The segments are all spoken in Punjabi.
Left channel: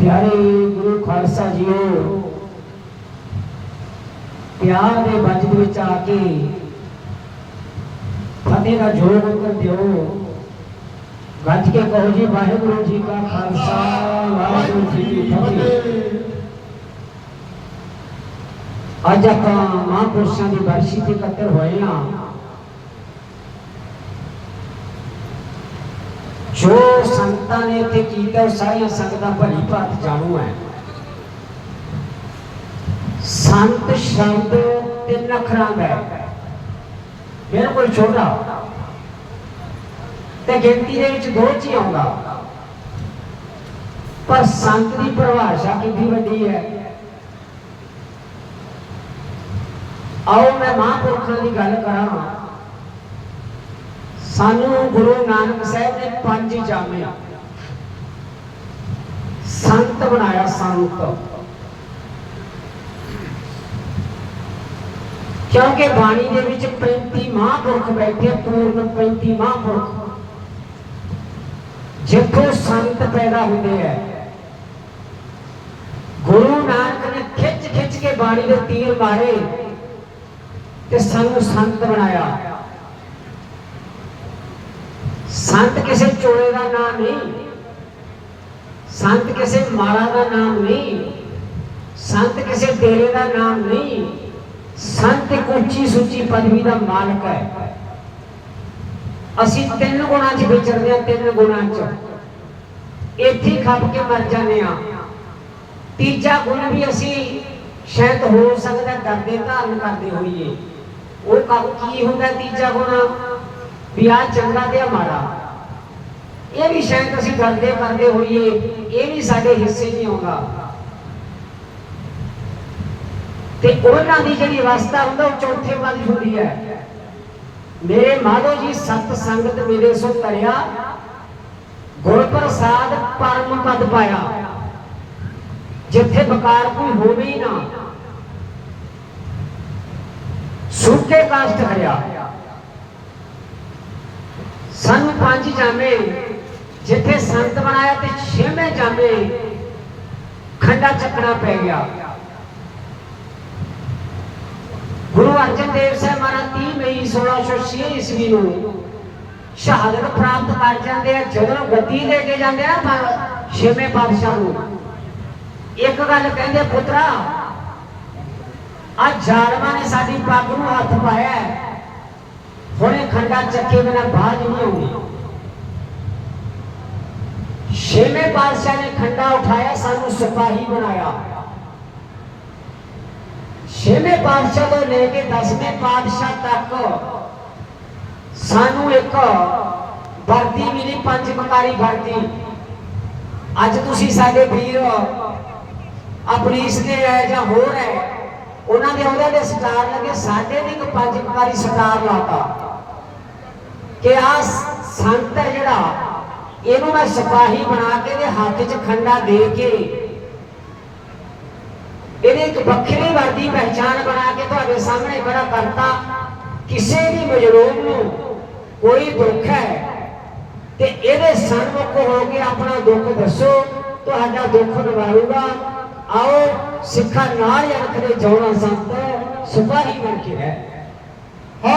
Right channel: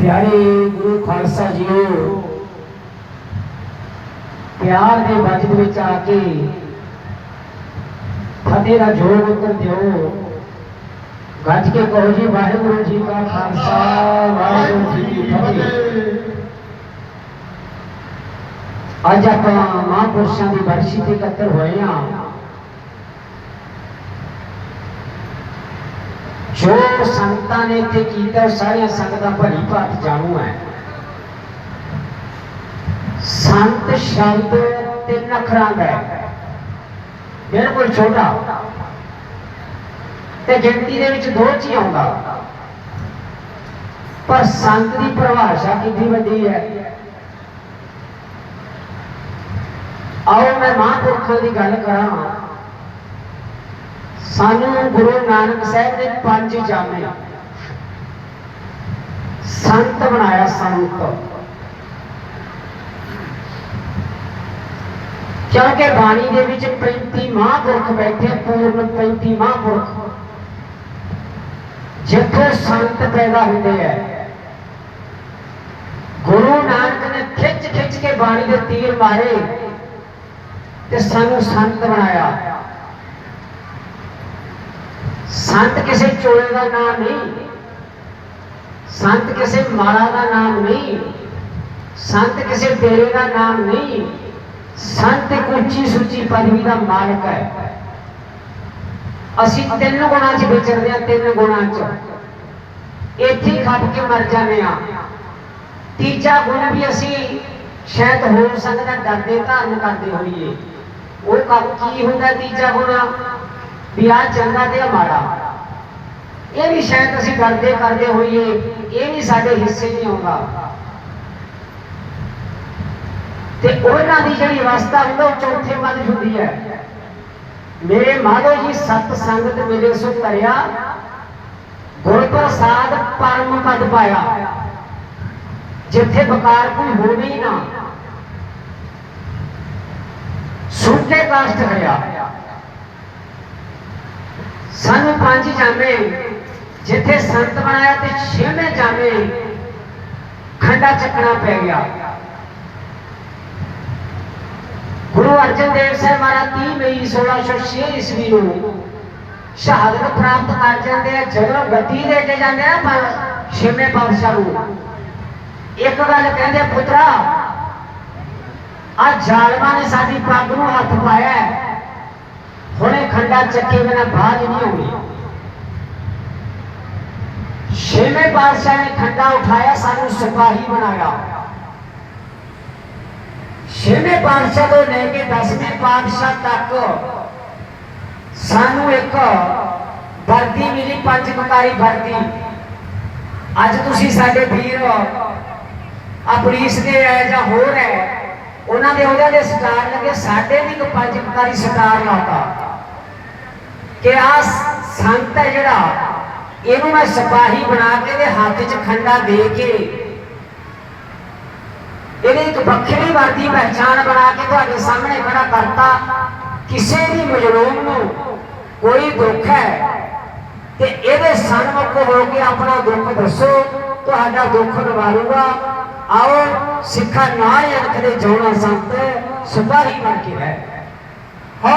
ਪਿਆਰੇ ਗੁਰੂ ਖਾਲਸਾ ਜੀਓ ਪਿਆਰ ਦੇ ਵਜਦ ਵਿੱਚ ਆ ਕੇ ਫਤਿਹ ਦਾ ਜੋਰ ਉੱਤਰ ਦਿਓ। ਗੱਜ ਕੇ ਕਹੋ ਜੀ, ਵਾਹਿਗੁਰੂ ਜੀ ਕਾ ਖਾਲਸਾ, ਵਾਹਿਗੁਰੂ ਜੀ ਕੀ ਫਤਿਹ। ਅੱਜ ਆਪਾਂ ਮਹਾਂਪੁਰਸ਼ਾਂ ਦੀ ਬਰਸ਼ੀ ਤੇ ਇਕੱਤਰ ਹੋਏ ਹਾਂ। ਜੋ ਸੰਤਾਂ ਨੇ ਇੱਥੇ ਕੀਤਾ ਸਾਰੀਆਂ ਸੰਗਤਾਂ ਭਲੀ ਭਾਤ ਜਾਣੂ ਹੈ ਸੰਤ ਸ਼ਬਦ ਤਿੰਨ ਅੱਖਰਾਂ ਦਾ ਹੈ ਬਿਲਕੁਲ ਛੋਟਾ। ਤੇ ਗਿਣਤੀ ਦੇ ਵਿੱਚ ਦੋ ਚ ਹੀ ਆਉਂਦਾ। ਪਰ ਸੰਤ ਦੀ ਪਰਿਭਾਸ਼ਾ ਕਿੰਨੀ ਵੱਡੀ ਹੈ ਆਓ ਮੈਂ ਮਹਾਂਪੁਰਖਾਂ ਦੀ ਗੱਲ ਕਰਾਂ। ਸਾਨੂੰ ਗੁਰੂ ਨਾਨਕ ਸਾਹਿਬ ਨੇ ਪੰਜ ਜਾਮੇ ਸੰਤ ਬਣਾਇਆ ਸੰਤ ਕਿਉਂਕਿ ਬਾਣੀ ਦੇ ਵਿੱਚ 35 ਮਹਾਂਪੁਰਖ ਬੈਠੇ ਪੂਰਨ 35 ਮਹਾਂਪੁਰਖ। ਜਿੱਥੋਂ ਸੰਤ ਪੈਦਾ ਹੁੰਦੇ ਹੈ ਗੁਰੂ ਨਾਨਕ ਨੇ ਖਿੱਚ ਖਿੱਚ ਕੇ ਬਾਣੀ ਦੇ ਤੀਰ ਮਾਰੇ ਤੇ ਸਾਨੂੰ ਸੰਤ ਬਣਾਇਆ। ਸੰਤ ਕਿਸੇ ਚੋਲੇ ਦਾ ਨਾਮ ਨਹੀਂ। ਸੰਤ ਕਿਸੇ ਮਾਲਾ ਦਾ ਨਾਮ ਨਹੀਂ। ਸੰਤ ਕਿਸੇ ਡੇਰੇ ਦਾ ਨਾਮ ਨਹੀਂ। ਸੰਤ ਇੱਕ ਉੱਚੀ ਸੁੱਚੀ ਪਦਵੀ ਦਾ ਮਾਲਕ ਹੈ। ਅਸੀਂ ਤਿੰਨ ਗੁਣਾਂ 'ਚ ਵਿਚਰਦੇ ਆ ਤਿੰਨ ਗੁਣਾਂ 'ਚ। ਇੱਥੇ ਖੱਟ ਕੇ ਮਰ ਜਾਂਦੇ ਆ ਤੀਜਾ ਗੁਣ ਵੀ ਅਸੀਂ ਸ਼ਾਇਦ ਹੋ ਸਕਦਾ ਡਰਦੇ ਧਾਰਨ ਕਰਦੇ ਹੋਈਏ। ਉਹ ਕੀ ਹੁੰਦਾ ਤੀਜਾ ਗੁਣਾ? ਵੀ ਆ ਚੰਗਾ ਤੇ ਮਾੜਾ। ਇਹ ਵੀ ਸ਼ਾਇਦ ਅਸੀਂ ਡਰਦੇ ਕਰਦੇ ਹੋਈਏ, ਇਹ ਵੀ ਸਾਡੇ ਹਿੱਸੇ ਨਹੀਂ ਆਉਂਦਾ ਤੇ ਉਹਨਾਂ ਦੀ ਜਿਹੜੀ ਰਸਤਾ ਹੁੰਦਾ, ਉਹ ਚੌਥੇ ਪਦ ਹੁੰਦੀ ਹੈ। ਮੇਰੇ ਮਾਧੋ ਜੀ, ਸਤ ਸੰਗਤ ਮਿਲੇ ਸੋ ਕਰਿਆ ਗੁਰ ਪ੍ਰਸਾਦ ਪਰਮ ਪਦ ਪਾਇਆ। ਜਿੱਥੇ ਬਕਾਰ ਕੋਈ ਹੋਵੇ ਨਾ। ਸੁੱਕੇ ਕਾਸ਼ਟ ਕਰਿਆ। ਸਾਨੂੰ ਪੰਜ ਜਾਣੇ ਜਿੱਥੇ ਸੰਤ ਬਣਾਇਆ ਤੇ ਛੇਵੇਂ ਜਾਮੇ ਖੰਡਾ ਚੱਕਣਾ ਪੈ ਗਿਆ ਗੁਰੂ ਅਰਜਨ ਦੇਵ ਸਾਹਿਬ ਮਹਾਰਾਜ 30 ਮਈ 1606 ਈਸਵੀ ਨੂੰ ਸ਼ਹਾਦਤ ਪ੍ਰਾਪਤ ਕਰ ਜਾਂਦੇ ਆ ਜਦੋਂ ਗੱਦੀ ਦੇ ਕੇ ਜਾਂਦੇ ਆ ਪਰ ਛੇਵੇਂ ਪਾਤਸ਼ਾਹ ਨੂੰ ਇੱਕ ਗੱਲ ਕਹਿੰਦੇ ਪੁੱਤਰਾ ਆ ਜ਼ਾਲਮਾਂ ਨੇ ਸਾਡੀ ਪੱਗ ਨੂੰ ਹੱਥ ਪਾਇਆ ਹੈ। ਹੁਣੇ ਖੰਡਾ ਚੱਕੇ ਬਿਨਾ ਬਾਜ ਨਹੀਂ ਆਉਣੀ ਛੇਵੇਂ ਪਾਤਸ਼ਾਹ ਨੇ ਖੰਡਾ ਉਠਾਇਆ, ਸਾਨੂੰ ਸਿਪਾਹੀ ਬਣਾਇਆ। ਛੇਵੇਂ ਪਾਤਸ਼ਾਹ ਤੋਂ ਲੈ ਕੇ ਦਸਵੇਂ ਪਾਤਸ਼ਾਹ ਤੱਕ ਸਾਨੂੰ ਇੱਕ ਵਰਦੀ ਮਿਲੀ, ਪੰਜ ਕੁਮਾਰੀ ਵਰਦੀ। ਅੱਜ ਤੁਸੀਂ ਸਾਡੇ ਵੀਰ ਆ ਪੁਲਿਸ ਦੇ ਹੈ ਜਾਂ ਹੋਰ ਹੈ, ਉਹਨਾਂ ਦੇ ਉਹਨਾਂ ਦੇ ਸਟਾਰ ਲੱਗੇ, ਸਾਡੇ ਵੀ ਇੱਕ ਪੰਜ ਕੁਮਾਰੀ ਸਟਾਰ ਲਾਤਾ। ਕਿ ਆ ਸੰਤ ਹੈ ਜਿਹੜਾ ਇਹਨੂੰ ਮੈਂ ਸਿਪਾਹੀ ਬਣਾ ਕੇ ਇਹਦੇ ਹੱਥ 'ਚ ਖੰਡਾ ਦੇ ਕੇ ਇਹਦੇ ਇੱਕ ਵੱਖਰੀ ਵਰਦੀ ਪਹਿਚਾਨ ਬਣਾ ਕੇ ਤੁਹਾਡੇ ਸਾਹਮਣੇ ਖੜਾ ਕਰਤਾ। ਕਿਸੇ ਵੀ ਮਜਲੂਮ ਨੂੰ ਕੋਈ ਦੁੱਖ ਹੈ ਤੇ ਇਹਦੇ ਸਨਮੁਖ ਹੋ ਕੇ ਆਪਣਾ ਦੁੱਖ ਦੱਸੋ, ਤੁਹਾਡਾ ਦੁੱਖ ਨਿਵਾਰੂਗਾ। ਆਓ, ਸਿੱਖਾਂ ਨਾਲ ਅਣਖਦੇ ਜੋੜਾ ਸੰਤ ਸਿਪਾਹੀ ਬਣ ਕੇ ਹੈ ਹੋ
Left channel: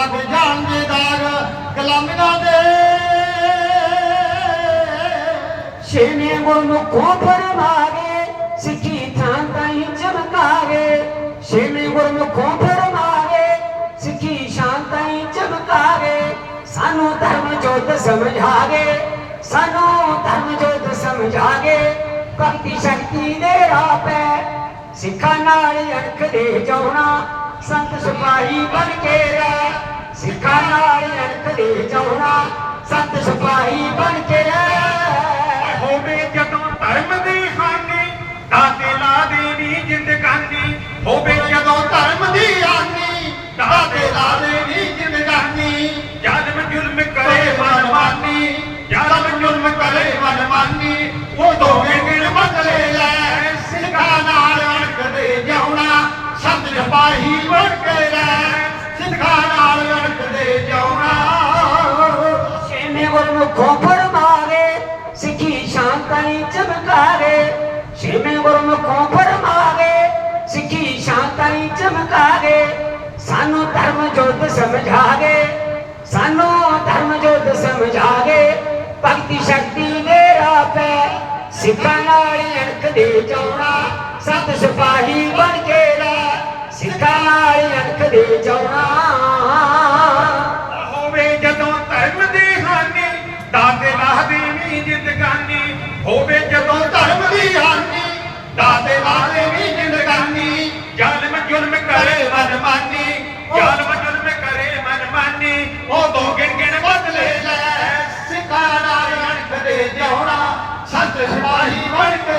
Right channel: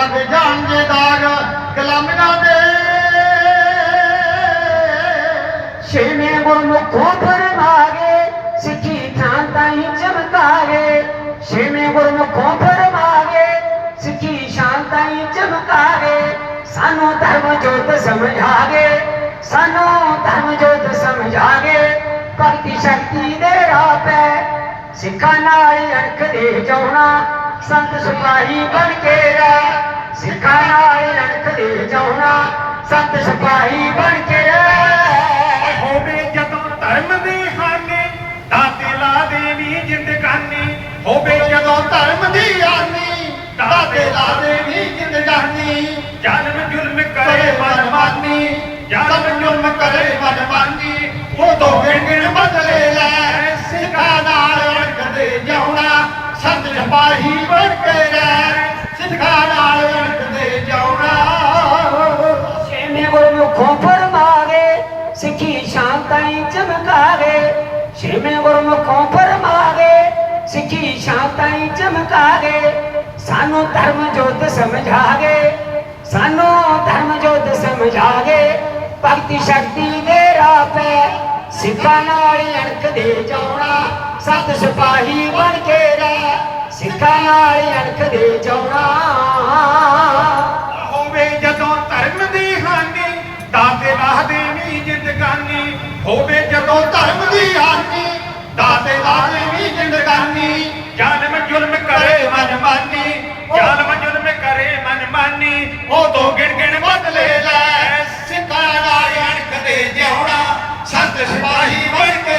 ਲੱਗ ਜਾਣਗੇ ਦਾਗ ਗੁਲਾਮੀਆਂ ਦੇ ਛੇਵੇਂ ਗੁਰਮੁਖੋਂ ਫਰਮਾਗੇ ਸਿੱਖੀ ਥਾਂ ਤਾਈ ਚਮਕਾਗੇ ਛੇਵੇਂ ਗੁਰਮੁਖੋਂ ਫਰਮਾਗੇ ਸਿੱਖੀ ਸ਼ਾਂਤਾਈ ਚਮਕਾਗੇ ਸਾਨੂੰ ਧਰਮ ਜੋਤ ਸਮਝਾਗੇ ਸਾਨੂੰ ਧਰਮ ਜੋਤ ਸਮਝਾਗੇ ਭਗਤੀ ਸ਼ਕਤੀ ਦੇ ਰਾਹ ਪੈ ਸਿੱਖਾਂ ਨਾਲ ਅਣਖ ਦੇ ਜਾਉਣਾ ਸੰਤ ਸਿਪਾਹੀ ਬਣ ਕੇ ਰਹਿ ਗੁਰਮੁਖੋਂ ਫਰਮਾਵੇ ਸਿੱਖੀ ਸ਼ਾਂਤਾਈ ਚਮਕਾਵੇ ਛੇਵੇਂ ਗੁਰਮੁਖੋਂ ਫਰਮਾਵੇ ਸਿੱਖੀ ਸ਼ਾਂਤਾਈ ਚਮਕਾਵੇ ਸਾਨੂੰ ਧਰਮ ਜੋਤ ਸਮਝਾਵੇ ਸਾਨੂੰ ਧਰਮ ਜੋਤ ਸਮਝਾਵੇ ਭਗਤੀ ਸ਼ਕਤੀ ਦੇ ਰਾਹ ਪੈ ਸਿੱਖਾਂ ਨਾਲ ਅਣਖ ਦੇ ਜਾਉਣਾ ਸਤ ਸਿਪਾਹੀ ਬਣ ਕੇ ਰਹਿ, ਸਿੱਖਾਂ ਨਾਲ ਅਣਖ ਦੇ ਜਾਉਣਾ ਹੋਵੇ ਜਦੋਂ ਧਰਮ ਦੀ ਹਾਨੀ ਦਾਤੇ ਵਾਹਦੇ ਵੀ ਜ਼ਿੰਦਗਾਨੀ ਹੋਵੇ ਜਦੋਂ ਧਰਮ ਦੀ ਹਾਨੀ ਦਾਤੇ ਵਾਹਦੇ ਵੀ ਜ਼ਿੰਦਗਾਨੀ ਜਨਮ ਜ਼ੁਲਮ ਕਰੇ ਮਨਮਾਨੀ ਜਨਮ ਜ਼ੁਲਮ ਕਰੇ ਮਨਮਾਨੀ ਉਦੋਂ ਗਿਣ ਗਿਣ ਬਦਲੇ ਲੈ, ਸਿੱਖਾਂ ਨਾਲ ਅਣਖ ਦੇ ਜਿਉਣਾ, ਸੰਤ ਸਿਪਾਹੀ ਬਣ ਕੇ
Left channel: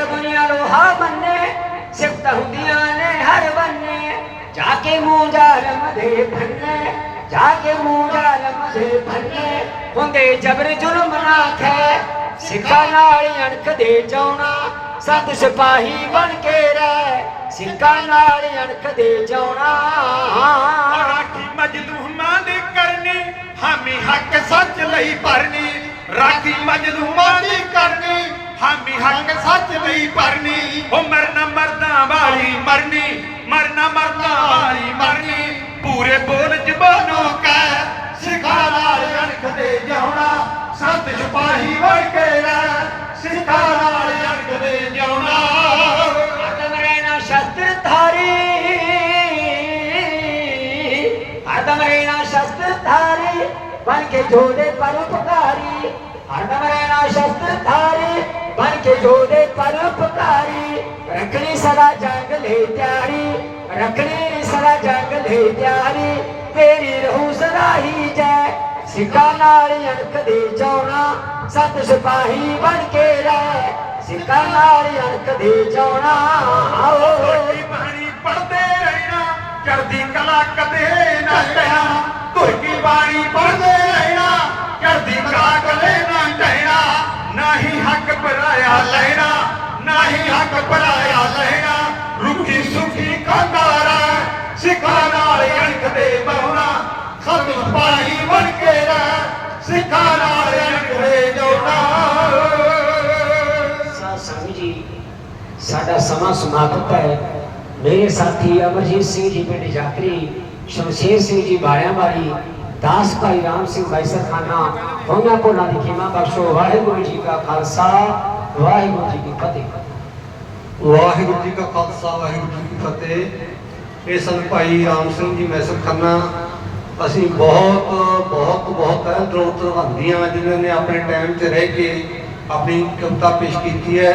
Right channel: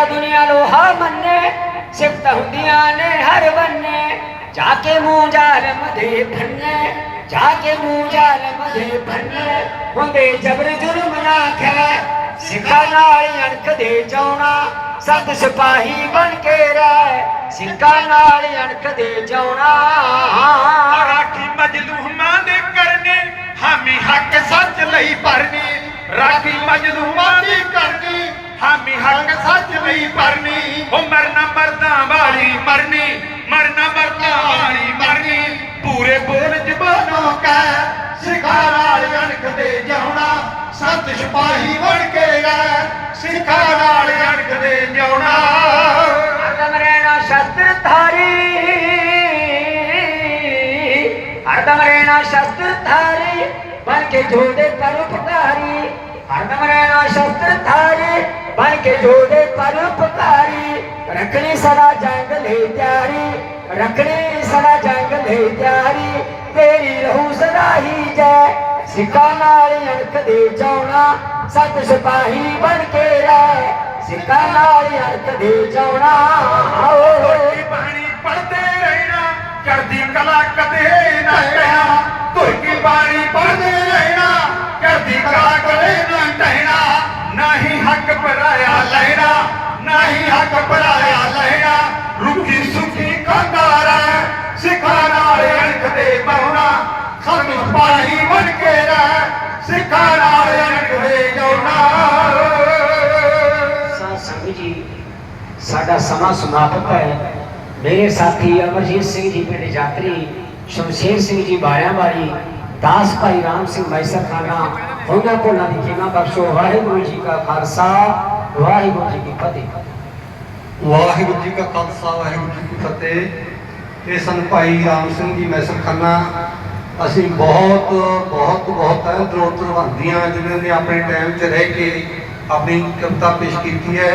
ਤੇਰਾ ਦੁਨੀਆ ਲੋਹਾ ਮੰਨੇ, ਸਿਫਤ ਹੁੰਦੀਆਂ ਨੇ ਹਰ ਬੰਨੇ। ਜਾ ਕੇ ਮੂੰਹ ਜ਼ਾਲਮ ਦੇ ਫੰਨੇ ਜਾ ਕੇ ਮੂੰਹ ਜ਼ਾਲਮ ਦੇ ਫੰਨੇ ਹੁੰਦੇ ਜਬਰ ਜ਼ੁਲਮ ਨਾ ਖੈ, ਸਿੱਖਾਂ ਨਾਲ ਅਣਖ ਦੇ ਜਾਉਣਾ ਸੰਤ ਸਿਪਾਹੀ ਬਣ ਕੇ ਰਹਿ, ਸਿੱਖਾਂ ਨਾਲ ਅਣਖ ਦੇ ਜਾਉਣਾ ਰਾਖੀ ਮਜਲੂਮਾਂ ਦੇ ਕਰਨੀ, ਹਾਮੀ ਹੱਕ ਸੱਚ ਲਈ ਭਰਨੀ। ਰਾਖੀ ਮਜਲੂਮਾਂ ਦੀ ਕਰਨੀ ਹਾਮੀ ਹੱਕ ਸੱਚ ਲਈ ਭਰਨੀ ਉਹ ਮਰਨਾ ਮਰਦਾ ਵਾਲੀ ਮਰਨੀ ਮਰਨਾ ਮਰਦਾ ਵਾਲੀ ਮਰਨੀ ਪੂਰੇ ਬੋਲ ਜ਼ਬਾਨੋਂ ਕਾ ਸਿਖਾ ਨਾਲ ਅਣਖ ਜਾਉਣਾ, ਸੰਤ ਸਿਪਾਹੀ ਬਣ ਕੇ ਰਹਿ ਸਿਖਾ ਨਾਲ ਅਣਖ ਜਾਉਣਾ। ਹਰਦਮ ਰਹਿਣਾ ਸ਼ਸਤਰ ਧਾਰੀ। ਹਰਦਮ ਰਹਿਣਾ ਸ਼ਸਤਰ ਧਾਰੀ, ਬਣ ਕੇ ਜੋਦੇ ਪਰਉਪਕਾਰੀ। ਹਰਦਮ ਰਹਿਣਾ ਸ਼ਸਤਰ ਧਾਰੀ ਬਣ ਕੇ ਜੋਦੇ ਪਰਉਪਕਾਰੀ ਰੱਖਣੀ ਸਦਾ ਜੰਗ ਲੈ ਤਿਆਰੀ। ਰੱਖਣੀ ਸਦਾ ਜੰਗ ਲੈ ਤਿਆਰੀ। ਤੇਰੀ ਰਹੂ ਸਦਾ ਹੀ ਜੈ। ਸਿੱਖਾਂ ਨਾਲ ਅਣਖ ਦੇ ਜਾਉਣਾ ਸਤ ਸਿਪਾਹੀ ਬਣ ਕੇ ਰਹਿ। ਸਿੱਖਾਂ ਨਾਲ ਅਣਖ ਦੇ ਜਾਉਣਾ ਹੋਵੇ ਬਾਣੀ ਪੜਦੇ ਰਹਿਣਾ। ਚੜਦੀ ਕਲਾ ਕਦੇ ਨਾ ਟਹਿਣਾ ਧੁਰ ਕੀ ਬਾਣੀ ਪੜਦੇ ਸਾਡਾ ਸਮਾਂ ਸਮਾਪਤ ਹੈ ਮੇਰੇ ਸਾਥੀ ਅਮਰਜੀਤ ਸਿੰਘ ਜੀ ਪਿੰਡ ਜਾਤਰੀ ਸ਼ਮਸ਼ੇਰ ਸਿੰਘ ਜੀ ਬਾਰਿਆਂ ਵਾਲੀ ਦਾਸ ਭਾਈ ਰਾਮ ਸਿੰਘ ਮੈਸਰ ਖਾਨਾ ਹੋਈਆਂ ਕੋਲਾਂ ਦੀ ਖਿਮਾ ਬਖਸ਼ੋ ਵਾਹਿਗੁਰੂ ਜੀ ਕਾ ਖਾਲਸਾ ਵਾਹਿਗੁਰੂ ਜੀ ਕੀ ਫਤਿਹ ਵਾਹਿਗੁਰੂ ਜੀ ਕਾ ਖਾਲਸਾ ਵਾਹਿਗੁਰੂ ਜੀ ਕੀ ਫਤਿਹ ਇਹ ਸਨ ਭਾਈ ਰਾਮ ਸਿੰਘ ਜੀ ਮੈਸਰ ਖੰਨਾ ਅਸੀਂ ਬਹੁਤ ਬਹੁਤ ਬਹੁਤ ਤਹਿ ਦਿਲੋਂ ਧੰਨਵਾਦੀਆਂ ਜਿਨ੍ਹਾਂ ਨੇ ਆਪਣੇ ਟਾਈਮ 'ਚ ਰਹਿ ਕੇ ਆਪਣੀ ਕਵਿਤਾ ਪੇਸ਼ ਕੀਤੀ ਹੈ